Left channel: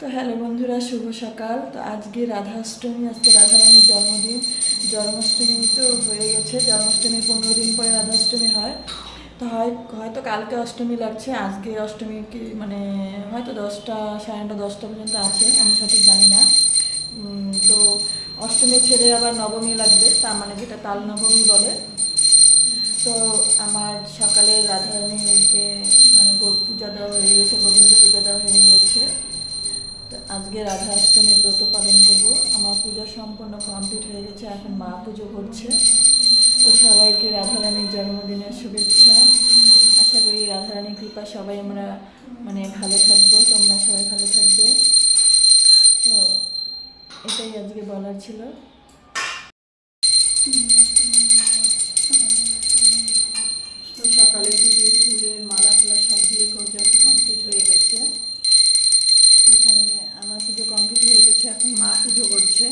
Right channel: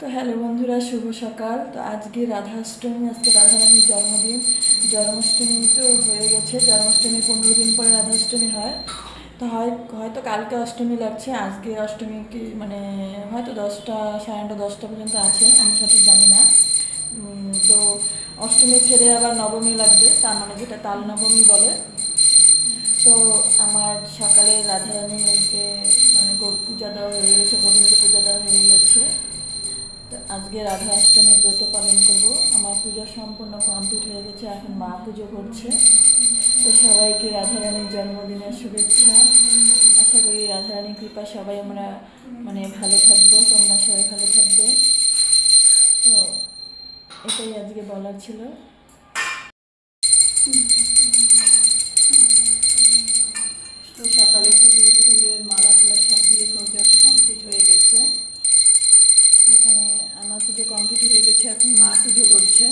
তো হ্যালো বন্ধুরা, শুভ সকাল। তো আজকে রাধাষ্টমী, আজকে রাধারানীর জন্মদিন। জন্মাষ্টমী তো হয়ে গেছে, জন্মাষ্টমী 15 দিন পরে রাধাষ্টমী হয়। তো হয়তো কালকে অষ্টমী লাগছে, আজকে অষ্টমী কি মানে হয়তো 10টা, সাড়ে 9টা, 10টা পর্যন্ত আছে, আমি সঠিক জানি না। তো অষ্টমী ছেড়ে আবার নবমী লাগবে, তার মানে যেটা তাল নবমী বলে। তো আমার সকালে রাধারানীকে মানে পূজা দেওয়া হয়ে গেছে, গোবিন্দ পূজা দেওয়া হয়ে গেছে। তো আজকে রাধা অষ্টমীর ব্রত পালন করব। আমার পূজা সম্পূর্ণ কমপ্লিট হয়ে গেছে, এখন মা পুজো করছে। তো সবাইকে রাধারানীর জন্মদিনের শুভেচ্ছা। আশা করি রাধারানীর কৃপা সবাই আমরা মানে ভালো থাকবো, তোমরা সবাই ভালো থাকবে। তো এটাই আজকে বলার ছিল। তো সকালে পুজো, ফুলের মালা টালা সব দিয়ে কমপ্লিট হয়ে গেছে। এখানে আমার পুজো কমপ্লিট হয়ে গেছে, এখন মা পুজো করছে।